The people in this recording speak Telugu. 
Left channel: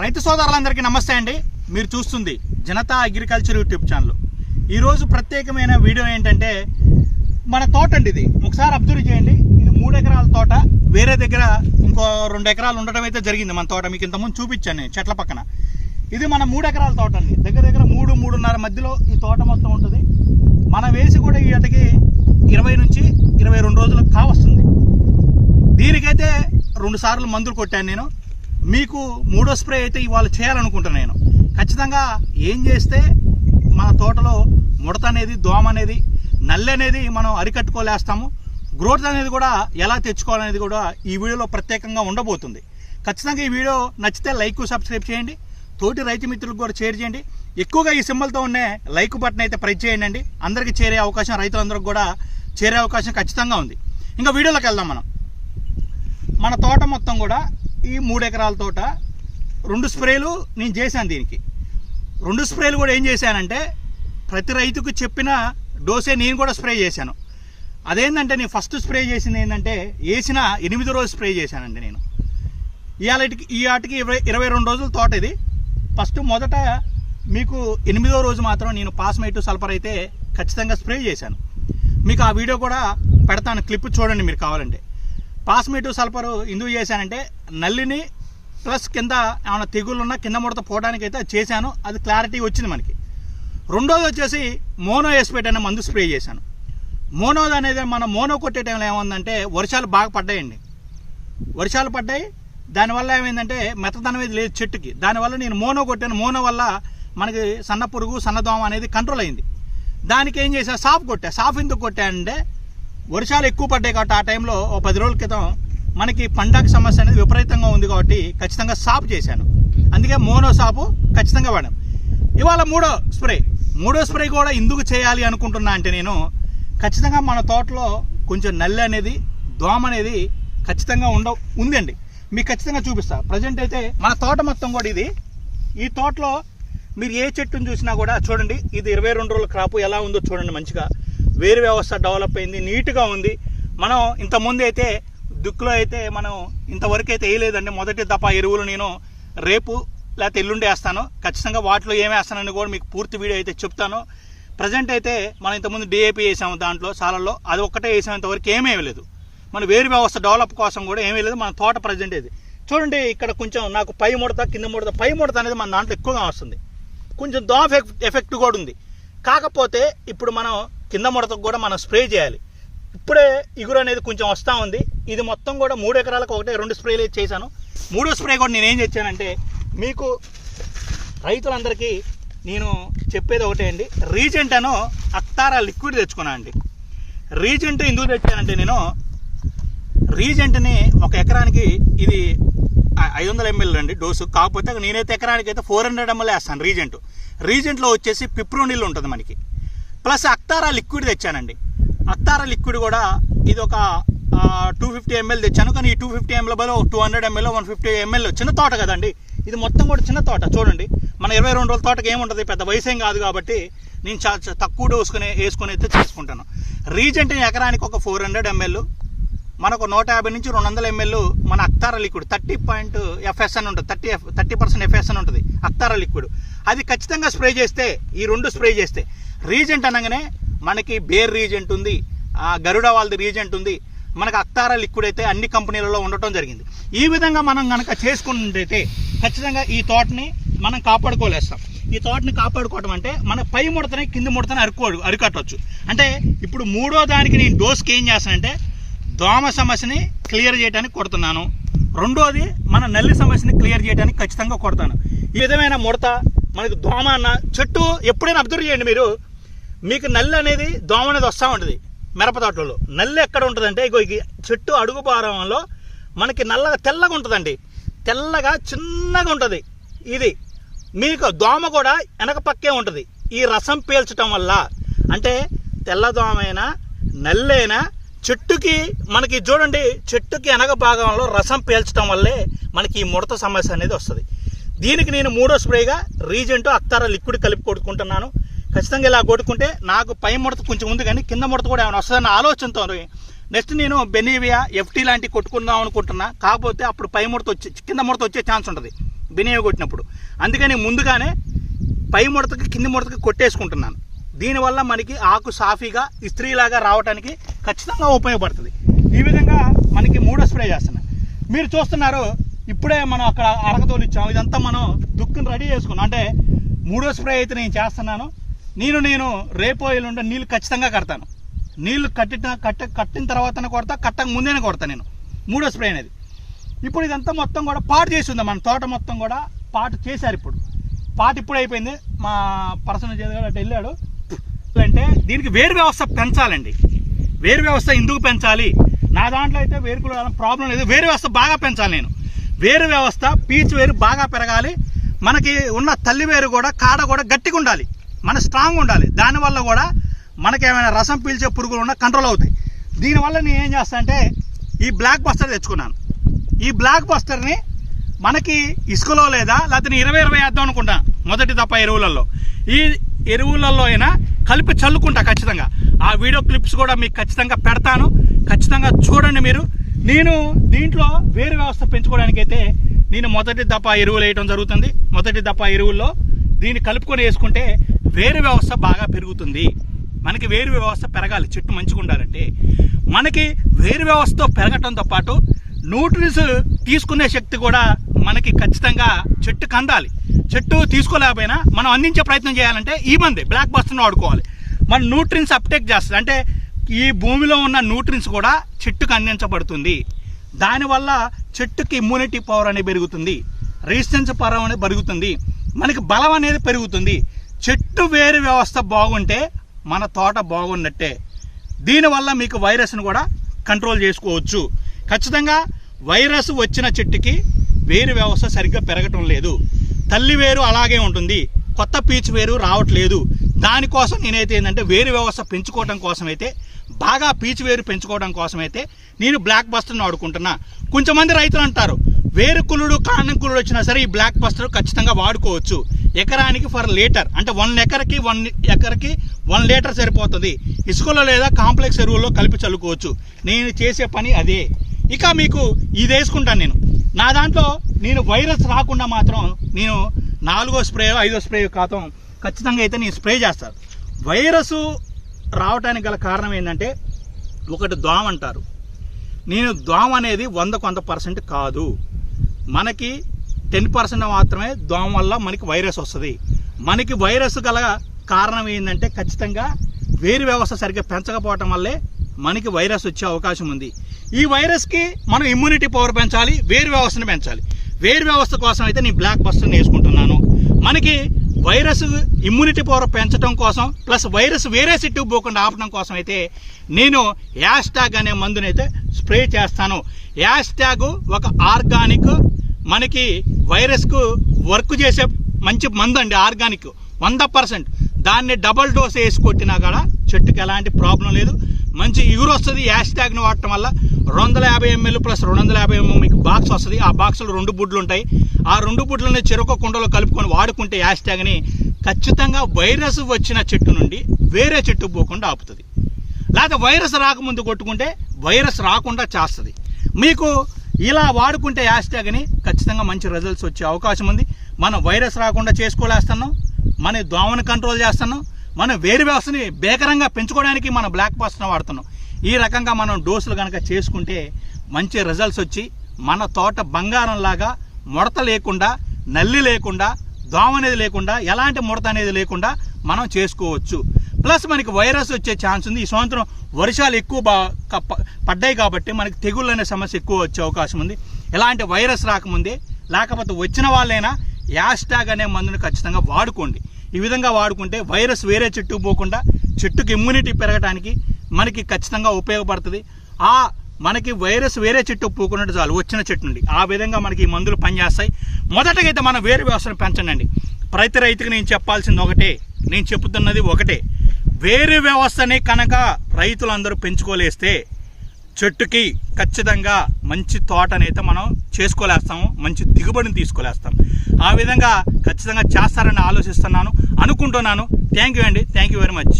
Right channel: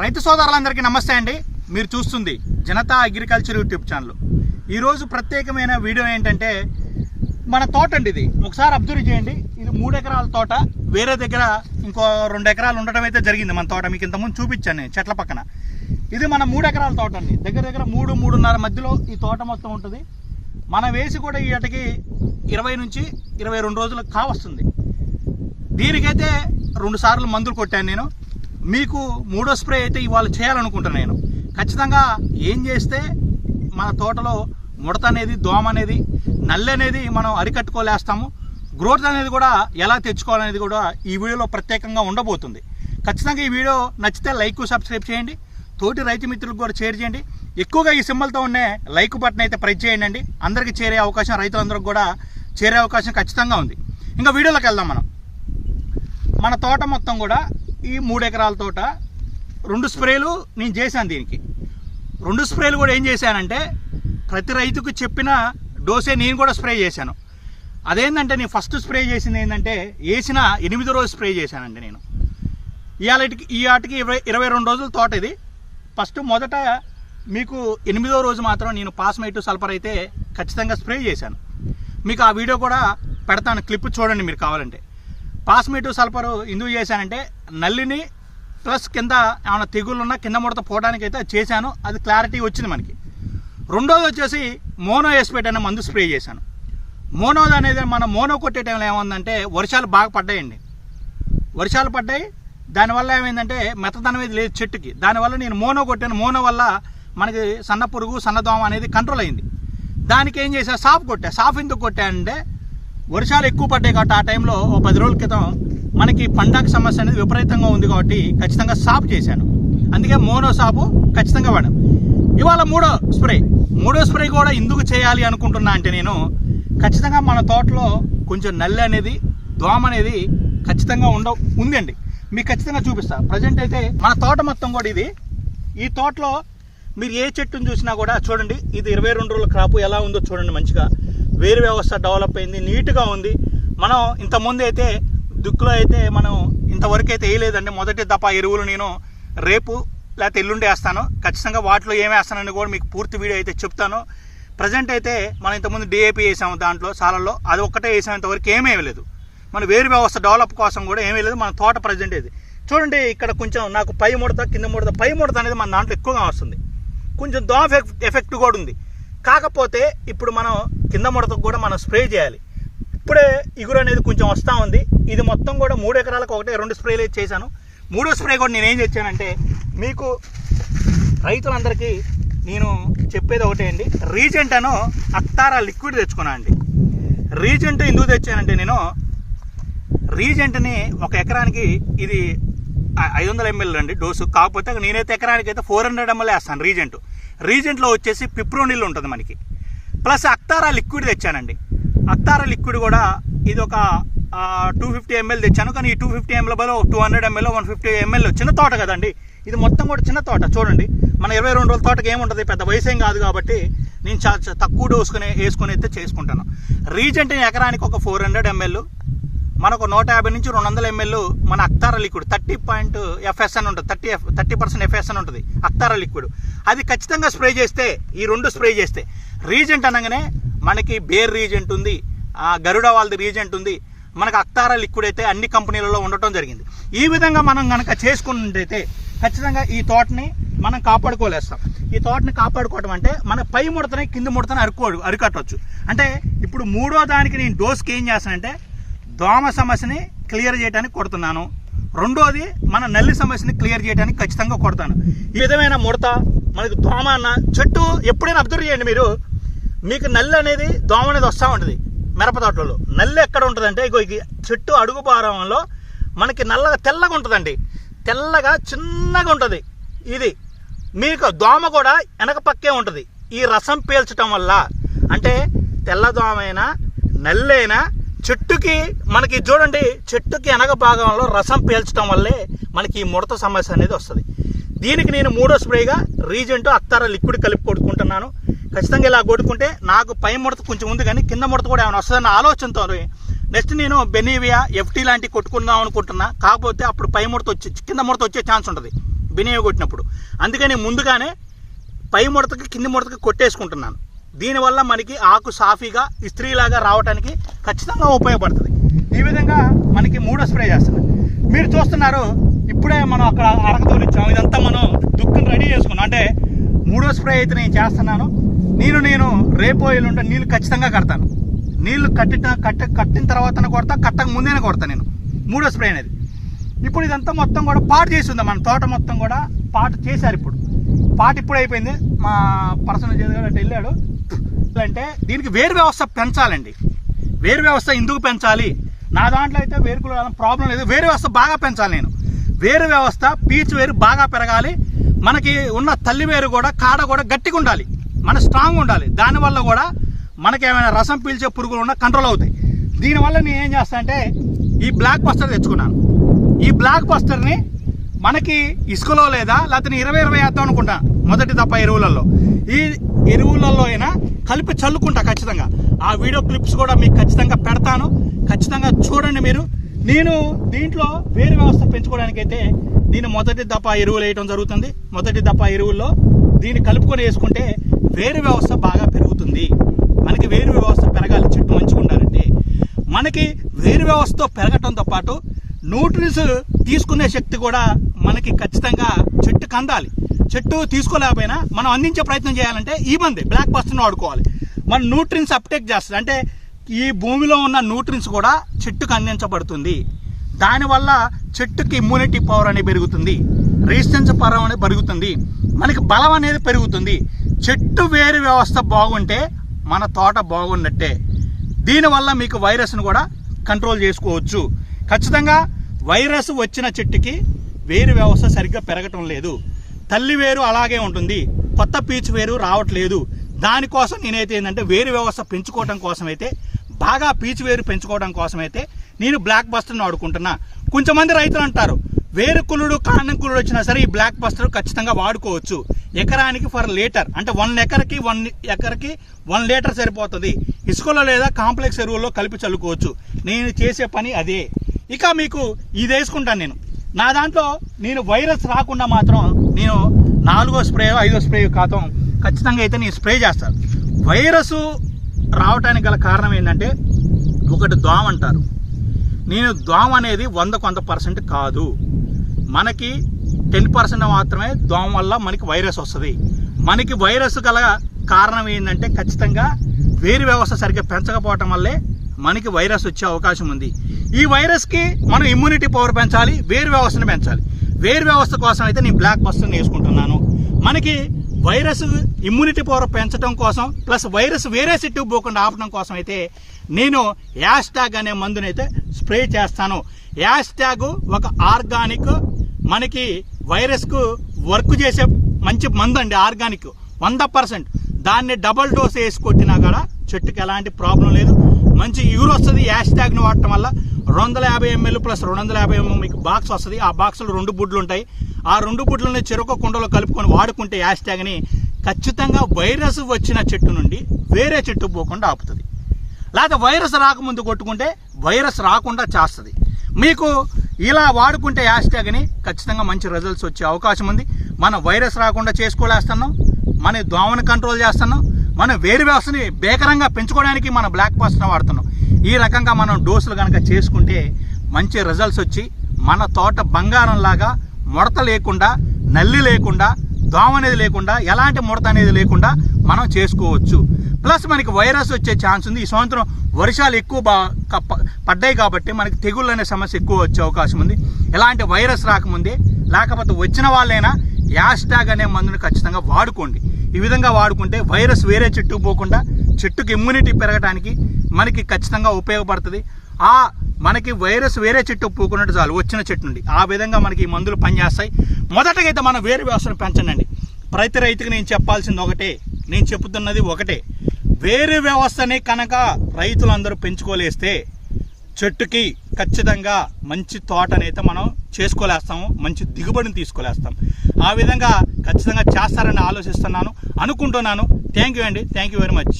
రైతు సోదరులందరికీ నమస్తే అండి. మీరు చూస్తుంది జనతా అగ్రికల్చర్ యూట్యూబ్ ఛానల్. ఈరోజు ప్రత్యేకమైన వీడియో ఏంటంటే మన తోట అండి. ఇది ఒకసారి అబ్జర్వ్ చేయండి. ఇది 3 ఎకరాల తోట. వేరే దగ్గర ఇంకో 2 ఎకరాలు ఉండడం అయితే జరిగింది మన తోట. మీకు ఇంతకుముందు చూపించాను నేను చెట్ల పక్కన. ఇది మన 3 ఎకరాల తోట అండి. దగ్గర 3-3.5 మధ్యలో ఈ తోట మొత్తం ఉంటుంది. మనం వేసి కూడా ఈ ఏటకి 20 నుంచి 22 రోజులకు కావస్తుంది. దీనికైతే 2 సార్లు మందులు కొట్టాను నేను. మీకు 3వ స్ప్రే అయితే ఇవాళ చేయాలనుకుంటున్నాను నేను. ఖచ్చితంగా ఏం చేస్తే మన తోటలో ముడత అనేది, దోమ అనేది, నల్లి అనేది మనం అరికట్టుకోలేస్తాము. గ్రోత్ అనేది కూడా ఎలా తెచ్చుకోవాలనేది కూడా ఈ వీడియోలో ప్రత్యేకంగా ఉండబోతుంది. ఖచ్చితంగా ఈ వీడియో నచ్చితే లైక్, సబ్స్క్రైబ్ చేయండి. తోటి రైతు మిత్రులకు కూడా షేర్ చేయండి. ఎక్కువగా ఈ సింబల్తో ఉన్న లైక్ బటన్ అయితే ప్రెస్ చేయండి అండి. అందరికీ చేరే అవకాశం, రైతులందరికీ కూడా చేరే అవకాశం ఖచ్చితంగా ఉంది. ఇంకా వీడియోలోకి వెళ్దాం. మన తోట మొత్తం కూడా ఈ 3 ఎకరాల తోట 2 స్ప్రేలు నేను చేశాను. దీనికి 2 స్ప్రేలు కూడా ఏం చేశానంటే ప్రతి రైతుకు చెప్పిన డోసే నేను కూడా స్ప్రే చేశాను. అదేంటంటే నేను ఫస్ట్ స్ప్రే చేసింది ఏంటంటే వేసిన 8వ రోజు స్ప్రే చేశానండి నేను. ఈ ఆటికి 22 రోజుల తోట ఇది. మొదట మీకు 8వ రోజు మాత్రం నేను పాస్మైట్ సల్ఫర్ అయితే ఖచ్చితంగా స్ప్రే చేశాను. మీకు ఆ వీడియో కూడా పెడతాను, క్లిప్ చూడండి మీరు కావాలంటే. పాస్మైట్ సల్ఫర్ ఎందుకు చేశానంటే నల్లిని ప్లస్ కింద ఏమైనా తెగుళ్ళున్నా కింద ముడత పోవడానికి అయితే చేశాను. అది క్లారిటీ వచ్చింది మనకి. రెండోది వచ్చేసి మోనో ఎస్పేట్ అనే మందు స్ప్రే చేశాను. మోనోది అనేది మన మోనో కొట్టే టైంలో ఏమైందంటే వర్షాలు బాగా పడ్డాయండి. వర్షాలు పడ్డాయి, దానివల్ల ఏమైందంటే మెత్తదనం అనేది లేదు చెట్టుకి. దానివల్ల నేను మోనో కొట్టాను. మోనో వల్ల మనకి సన్న పురుగు, సన్నదోమ అనేది కంట్రోల్ అయింది. దానికి ఏం చేశా, సాఫ్ కొట్టా. సాఫ్ ఎందుకు కొట్టానంటే వర్షాలు ఎక్కువ పడ్డాయి కాబట్టి ఆ టైంలో 10 రోజుల క్రితం మనకి పండాకు సమస్య అనేది విపరీతంగా ఉంది కాబట్టి ఖచ్చితంగా సాఫ్ చేశాను. అందుకే మోనో సాపు ఖచ్చితంగా వాడాను. ఇవాళ 3వ స్ప్రే కూడా ఎందుకు చేయాలి అనుకుంటున్నా అంటే నేను ఖచ్చితంగా మన తోటలో కొంచెం నల్లి అనేది, దోమ అనేది ఖచ్చితంగా ఉందండి. మీకు ఖచ్చితంగా చూపిస్తా. ప్రజెంట్ అయితే మన తోట మొత్తం కూడా ఇది. ఈ తోటలో మీరు ఏ చెట్టును చూసినా కూడా చూడండి, ఇది 22 రోజుల క్రాపు ఎలా ఉందో చూడండి. మంచిగా వేరు వ్యవస్థ డెవలప్ అయింది, నీట్గా ఉంది. మనం ఇంతకుముందు అయితే దుక్కులో అయితే మనం ఇంతవరకు అయితే వేయలేదండి. మొదటి దఫా ఎరువులు నేను రేపు లేకపోతే ఎల్లుండి వేస్తాను. ఖచ్చితంగా వాటిలో ఏమి వేస్తానని కూడా మీకు పూర్తి వీడియో అయితే చెప్తాను. ప్రజెంట్ అయితే మనం ఇంతకుముందు DAP వేసాము దాంట్లో సాలల్లో, అది ఒక్కటే వేసాము. ఇంతవరకు ఏమీ వేయలేదు. మన వేరు వ్యవస్థ డెవలప్ కోసం కూడా ఏమీ లేదు. మన తోట ప్రజెంట్ ఇది చూడండి. ఇక్కడ కొంచెం నాకు పై ముడత, కింద ముడత. పై ముడత అనేది మన దాంట్లో ఎక్కువగా వస్తుంది. కొంచెం దోమ ఎఫెక్ట్ కూడా ఉంది. కాకపోతే ఇప్పుడు మనం కింద ముడతకు కూడా మనం స్ప్రే చేయాలి. ఇప్పుడే ఇగురు అనేది కొంచెం వస్తూ ఉంది. ఇది మొత్తం కూడా 3 ఎకరాలకు 1-2 స్ప్రేలు చేశాను. 3వ స్ప్రే కూడా నేను ఏం తెచ్చానంటే మీకు రైతులందరికీ నేను చెప్పేది ఒకటే అండి. రీజెంట్ అను అక్తారా లిక్విడ్ తెచ్చుకున్నాను అండి. రీజెంట్ ఎందుకు తెచ్చానంటే నేను రీజెంట్ని 1 ఎకరానికి ఇది 500 ml అండి డోసు. కాకపోతే నేనైతే ఎకరానికి అయితే 400 ml వేస్తాను. రీజెంట్లో వచ్చేసి పిప్రోనిల్ ఉంటుంది మనకి. ప్లస్ అక్తారా లిక్విడ్ తెచ్చానండి. అక్తారా లిక్విడ్ కూడా ఇది ఒక 250 ml తెచ్చాను. కానీ ఈ 250 ml 200 ml 150 ml చిన్న తోట కదండి. ఇది మొత్తం కూడా చిన్న తోట. చూడండి, మన 22 రోజుల తోటకి ఏముంటుంది, పెద్ద వయసేం కాదు కాబట్టి నేను చాలా తక్కువ డోస్ వేసుకొని అయితే చేసుకుంటాను. రీజెంట్ ఎకరానికి ఒక 400 ml, మనకు 150 నుంచి 200 ml మన అక్తారా లిక్విడ్ 30% FS అని ఉంటుంది. 30% FS అని ఉంటుంది అక్తారా లిక్విడ్. అది ఖచ్చితంగా స్ప్రే చేస్తే, ఈ 2 స్ప్రే చేస్తే రీజెంట్ అనగానే మనకి బేర్ రీజెంట్ ఉంది, గరుడ వాళ్ళది రీజెంట్ ఉంది. మనకు అక్తారా లిక్విడ్ అయితే అన్ని కంపెనీలలో ఉండటం జరిగింది. ఈ విధంగా మనం కనుక చేసుకున్నట్టయితే ఖచ్చితంగా ఈ తోటని మనం కాపాడుకోలేస్తాం. ఈ తోటని కాపాడుకోవటం అంటే మన పై ముడతని, కింద ముడతని అరికట్టవచ్చు. అంటే ఇప్పుడు 3వ దానికి నేను డోస్కి ఏం చేస్తానంటే దోమ సమస్యని క్లియర్ చేయడానికి కొడుతున్నాను. 2వది మన నల్లి సమస్యని క్లియర్ చేయడానికి ఖచ్చితంగా కొడతాను. ఈ విధమైన ముడత, మనకు దోమ అన్న చెట్టు ఎప్పుడైనా అబ్జర్వ్ చేయండి మీరు. మీకు నల్లి అనేది, దోమ అనేది వస్తూ ఉంటుంది. మిరప తోటలలో నల్లి ఎక్కడ ఉంటుందంటే ఇగో చెట్టు అడుగు భాగంలో మనకి నల్లగా తెల్లగా ఉంటుందండి. తెల్లగా చిన్నగా ఉంటుంది. ఇది మీకు దోమ కూడా వెనక పక్కే ఉంటుంది. ఈ రసం పీల్చడం వల్ల అంటే తెల్ల దోమైనా నల్లైనా చెట్టుకి మనకి చూడండి, చెట్టుకి వెనక భాగంలో రసం పీల్చడం వల్లే మనకి ఈ ముడత సమస్య అనేది వస్తుంది. దీనికి నేను 3వ స్ప్రేగా రీజెంట్ అక్తారా లిక్విడ్ కలిపి కొట్టుకుంటున్నాను. ఖచ్చితంగా ఇలా కొట్టుకుంటే నాకు పై ముడత కొంచెం ఉంది, కానీ కింద ముడత కూడా ఏమైనా వస్తుందన్న ఆలోచనతో నెక్స్ట్ నేను బెనీవియా FT లాంటివి కొట్టుకుందాం అనుకుంటున్నా. కాకపోతే అప్పుడు పై ముడత కింద ముడత వచ్చే ఛాన్స్ ఉంటుంది. బినేవి కొట్టినప్పుడు. అందుకని ముందుగానే పై ముడతకి కింది ముడతకి కొట్టేసుకుంటున్నాను. దీనివల్ల మనకి ఆకు సాఫీగా ఇస్త్రీలాగా రావడానికి ఖచ్చితంగా ఉపయోగపడుతుంది. ఈ విధంగా మనకి 3వ స్ప్రే చేస్తున్నాం. మీరు చూస్తున్నారు, ఇప్పుడే మనం అక్కడ అరకతోలు ఇచ్చాము. ఇదంతా మనం దుక్కుని రెడీ చేసుకున్నాం. అంటే 3వ స్ప్రే అయితే నేను చేస్తున్నాను. నేను రేపో ఎల్లుండి నీళ్ళు ఖచ్చితంగా కడతాను. నీళ్లు కట్టిన తర్వాత కొడతా, కట్టక ముందేనే కొడతాను నేను 3వ స్ప్రే అనేది. ఇప్పుడు ఇదంతా మొత్తం కూడా పాటు చేసి ఉంది. మన తోట మొత్తం కూడా పాటు చేశారు. ఇప్పుడు అయిపోయింది. మా పర్సనల్ చేసి అటు వెళ్ళాడు. అంటే దీనికి వేరు వ్యవస్థ పెంచాలండి. వేరు వ్యవస్థ ఎందుకు పెంచాలి? నా దాంట్లో అయితే వేరుకుల ప్రాబ్లం లేదు. వేరు వ్యవస్థ బాగా పెంచాలి నేను. వేరు వ్యవస్థ పీచు వేరు బాగా పెరగాలి. మనకి ఉన్న తల్లి వేరు కూడా కాడ కూడా గట్టిగా ఉండాలి, మన స్ట్రాంగ్ ఉండాలి. దానివల్ల కూడా మనకి ఏమైనా రసం పీల్చే పురుగులు ఉన్నా కంట్రోల్ అవుతాయి. దీనివల్ల నేను ఏం చేస్తా అంటే ఈ బ్లాక్ బస్టర్ తెచ్చుకున్నాను. ఈ బ్లాక్ బస్టర్ని మనకి ఇసుకలో లేదా లేకపోతే 20 వేద్దాం అనుకుంటా మొదటి దప్ప ఎరువులలో. ఈ ఎరువులలో అయినా కలిపి చల్లుకుంటా ఖచ్చితంగా. ఆ వీడియో క్లిప్స్ కూడా మీకు ఖచ్చితంగా పెడతాను, ఖచ్చితంగా చూడండి మీరు. నేను దీంట్లో వేరు వ్యవస్థ పెంచుకోవడానికైతే నేను మొదటి దప్ప ఎరువులు వేయడం జరుగుతుంది. మొదటి దప్ప ఎరువుల్లో దీన్ని కలుపుకొని వేసుకుంటే వేరు వ్యవస్థ బాగా పెరుగుతుంది. మనకి వేరు వ్యవస్థ పెరగాలి, చెట్టు మంచిగా ఉండాలంటే. మనకి వేరు వ్యవస్థతో పెరగటంతో పాటు న్యూట్రిన్స్ తీసుకునే శక్తి కూడా మనకి ఖచ్చితంగా చెట్టుకు అందాలి. చెట్టు తీసుకోలేకపోయినా మనం అందించే ప్రయత్నం చేయాలంటే ఈ మంది బ్లాక్ బస్టర్ని వాడుకోవాలి. మన న్యూట్రిన్స్ అప్టేక్ చేస్తుంది. అంటే ఈ భూమిలో ఉన్న న్యూట్రిన్స్ కూడా చెట్టుకు అందించబడుతుంది. దానివల్ల చెట్టుకి ఇమ్యూనిటీ పవర్ అనేది పెరుగుతుంది, రెసిస్టెన్స్ పవర్ అనేది పెరుగుతుంది, మనకి బలం అనేది పెరుగుతుంది. చెట్టు వేరు వ్యవస్థ బాగుంటే మన తోట బాగున్నట్టే. దీనివల్ల మీకు వైరస్ను కూడా కంట్రోల్ చేసుకోవచ్చు. ఖచ్చితంగా వైరస్ వచ్చిన చెట్టుకి వేరు వ్యవస్థ సరిగ్గా పెరగటం లేదు. తల్లి వేరు అలాగే ఉంటుంది, కొత్త పీచు వేరు రావట్లేదు. దానికోసం నేనైతే ఏంటంటే వేరు వ్యవస్థ పెంచుకోవడం కోసమైతే, బాగా పీచు వేరు పెంచుకోవడం కోసమైతే నేను బ్లాక్ బస్టర్ని వాడుకుంటున్నా. కొంచెంమంది రైతులు అంటారు వేరు కుళ్ళుడు కాండం కుళ్ళుడు వచ్చినా సరే ఈ బ్లాక్ బస్టర్ ఖచ్చితంగా వాడుకోవచ్చు. ఎకరానికి ఫర్ లీటర్ అంటే 1 ఎకరకి 1 లీటర్ సరిపోతుంది. ఇసుకలో లేదా కాంప్లెక్స్ ఎరువుల్లో కలిపి చల్లుకోవచ్చు. నేను చేసే పని అదే. ఇక మీకు ఇది వేసుకుంటాను నేను. నా దాంట్లో నేను వైరస్ రాకుండా మాత్రం నేను 4వ స్ప్రే 5వ స్ప్రే కాతం ఖచ్చితంగా అయితే నేను స్ప్రే చేస్తాను. వైరస్ రావడానికి గల కారణం ఏంటంటే ఒకటి దోమ అంటారు. నేను దోమ అనేది 100% కాదు. మనకి 10% మాత్రమే దోమ వల్ల మనకి వైరస్ వస్తుంది. మనకి వైరస్ గల కారణం ఏంటంటే ఖచ్చితంగా వేరు వ్యవస్థ సరిగ్గా పెంచకపోవటం వల్లే మనకి వైరస్ వచ్చే అవకాశం ఉంది. ఈ వైరస్కి మనం ఇమ్యూనిటీ పవర్ పెంచాలి, వేరు వ్యవస్థను పెంచాలి. వేరు వ్యవస్థ కోసం అయితే నేను బ్లాక్ బస్టర్ని వేసుకుంటున్నాను. మనకి వైరస్ ఇమ్యూనిటీ పవర్ పెంచడం కోసం ప్లస్ వైరస్ వేరే చెట్టు పోకుండా ఆపడం కోసం అయితే నేను యాస్టాగ్ అనే మందునైతే స్ప్రే చేస్తాను. యాస్టాగ్ ఒక ఆర్గానిక్ మనకి వైరస్కు వర్క్ చేసే మంచి మందు అండి. ఆర్గానిక్ 100%. దాన్ని డబల్ డోస్ వేసి కొట్టినా కూడా చెట్టుకి ఎలాంటి ప్రాబ్లం లేదు, మంచి ఇగురు వస్తుంది. యాస్టాగ్ని వాడటం వల్ల 250 ml ప్లస్ 250 ml మీకు బాక్స్ వస్తుంది. ఆ బాక్స్లో 2 బుడ్లు ఉంటాయి. ఆ 2 బుడ్లని చెరుకు కుండలో కలుపుకొని వాడుకుంటే యాస్టాగ్ని ఖచ్చితంగా వైరస్ వచ్చిన చెట్టు నుండి వేరే చెట్టు పోకుండా ఆపుతుంది. లేదా వైరస్ రాకముందు కొట్టుకుంటే వైరస్ రాకుండా చేస్తుంది. మీకు ఇలా వాడుకుంటే యాస్టాగ్ని ఖచ్చితంగా మంచి రిజల్ట్స్ వచ్చే అవకాశం ఉంది. మనం వైరస్ రాకుండా చేసుకోలేస్తున్నాం, మన దోమను కంట్రోల్ చేస్తున్నాం, మన వేరు వ్యవస్థని బేకరంగా పెంచుకోవడానికి మన బ్లాక్ బస్టర్ని వాడుతున్నాం. ఈ రకంగా మనం డోసులు కనుక చేసుకుంటే మంచి రిజల్ట్స్ వచ్చి మన తోట బంగారం లాగా ముడత లేకుండా, నల్లి లేకుండా, దోమ అనేది లేకుండా, ఎలాంటి ముడత అనేది లేకుండా మనం చేసుకోవచ్చు. ప్లస్ మనకి వైరస్ వచ్చే ఛాన్స్ ఉంది. ఈ సంవత్సరం వర్షాలు ఎక్కువ పడ్డాయి కాబట్టి మనకి తెగుళ్ళు అనే సమస్య ఎక్కువ వచ్చే అవకాశం ఉంది. ఎలాంటి వైరస్ రాకముందే, లేకపోతే వచ్చిన వాళ్ళైనా యాస్టాగ్ అనే మందుని ఖచ్చితంగా వాడుకోండి. ఈ విధంగా వాడుకుంటే వైరస్ వేరే చెట్టుకు పోకుండా చెట్టుకి ఇమ్యూనిటీ పెరగడానికి మనకి ఖచ్చితంగా ఉపయోగపడుతుంది. మనకి వైరస్ వేరే చెట్టు పోకున్నట్టు చాలు వచ్చిన చెట్టు నుండి. ఆ విధంగా మనకి ఈ మందులు పనిచేస్తాయి. మొదటగా అయితే మనం వేరు వ్యవస్థను పెంచండి. ప్రతి రైతుకి నేను చెప్పాల్సింది ఒకటే, నేను చెప్తున్నది ఒకటే. వేరు వ్యవస్థని కనుక రైతులందరూ పెంచుకోలేస్తే చెట్టుకి ఖచ్చితంగా మంచి తోటనైతే మనం చేసుకోలేస్తాము, మంచి దిగుబడిని తీసుకోలేస్తాం. ఆ విధంగా ఖచ్చితంగా చేస్తారని ఆలోచిస్తున్నాను, అనుకుంటున్నాను. థ్యాంక్ యూ అండి, థ్యాంక్ యూ వెరీ మచ్.